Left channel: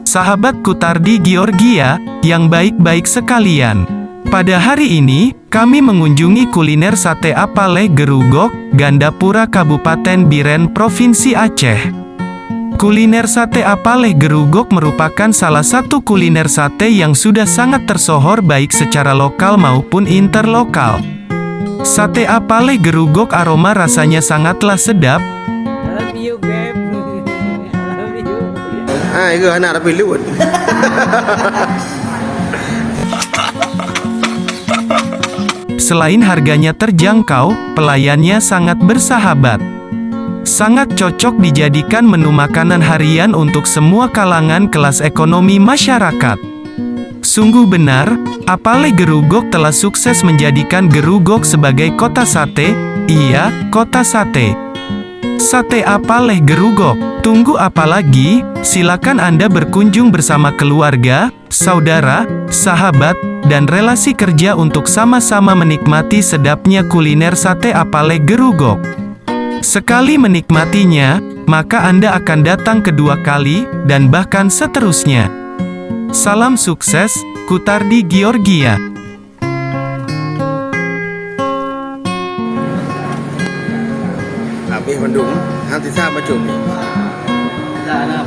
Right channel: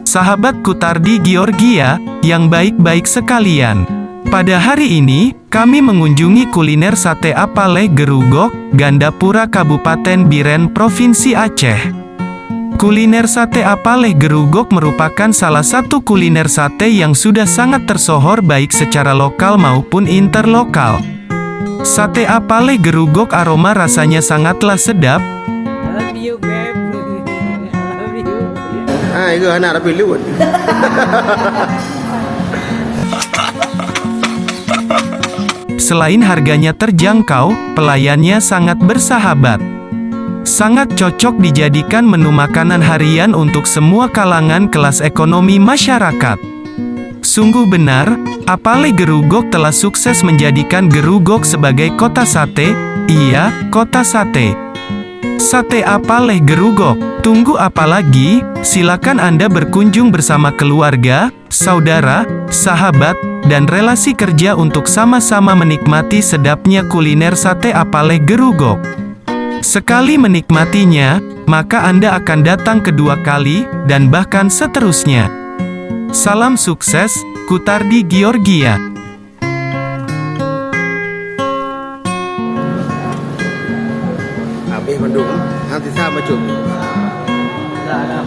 Sahabat Kutardi Georgia, yang baik-baik sekalian. Pada hari ini, kami mengunjungi kuliner sate Apaleh Gerugok, Gandapura Kabupaten Biren Provinsi Aceh. Kuliner sate Apaleh Gerugok merupakan salah satu kuliner sate yang sudah sangat tersohor baik secara lokal maupun interlokal. Sate Apaleh Gerugok aroma rasanya sangatlah sedap. I love you, babe. I love you. Ai gờ nào đã bị lụt. Selain harganya terjangkau, pelayannya sangat bersahabat. Sangat cocok dijadikan menu makanan harian untuk semua kalangan kelas ekonomi masyarakat. Sungguh benar, Apaleh Gerugok telah sukses menjadikan Gerugok sebagai kota sate. Iya, kota sate. Sate Apaleh Gerugok. Tunggu apa lagi? Silakan Anda berkunjung bersama keluarga, saudara, sahabat, dan relasi kerja untuk sama-sama menikmati sedapnya kuliner sate Apaleh Gerugok. Sekali menikmatinya, maka Anda akan datang kedua kali, dan bahkan seterusnya. Salam sukses, Kutardi Georgia. À bên còn đúng, ăn thì sao mà chụp nhỉ? Dạ,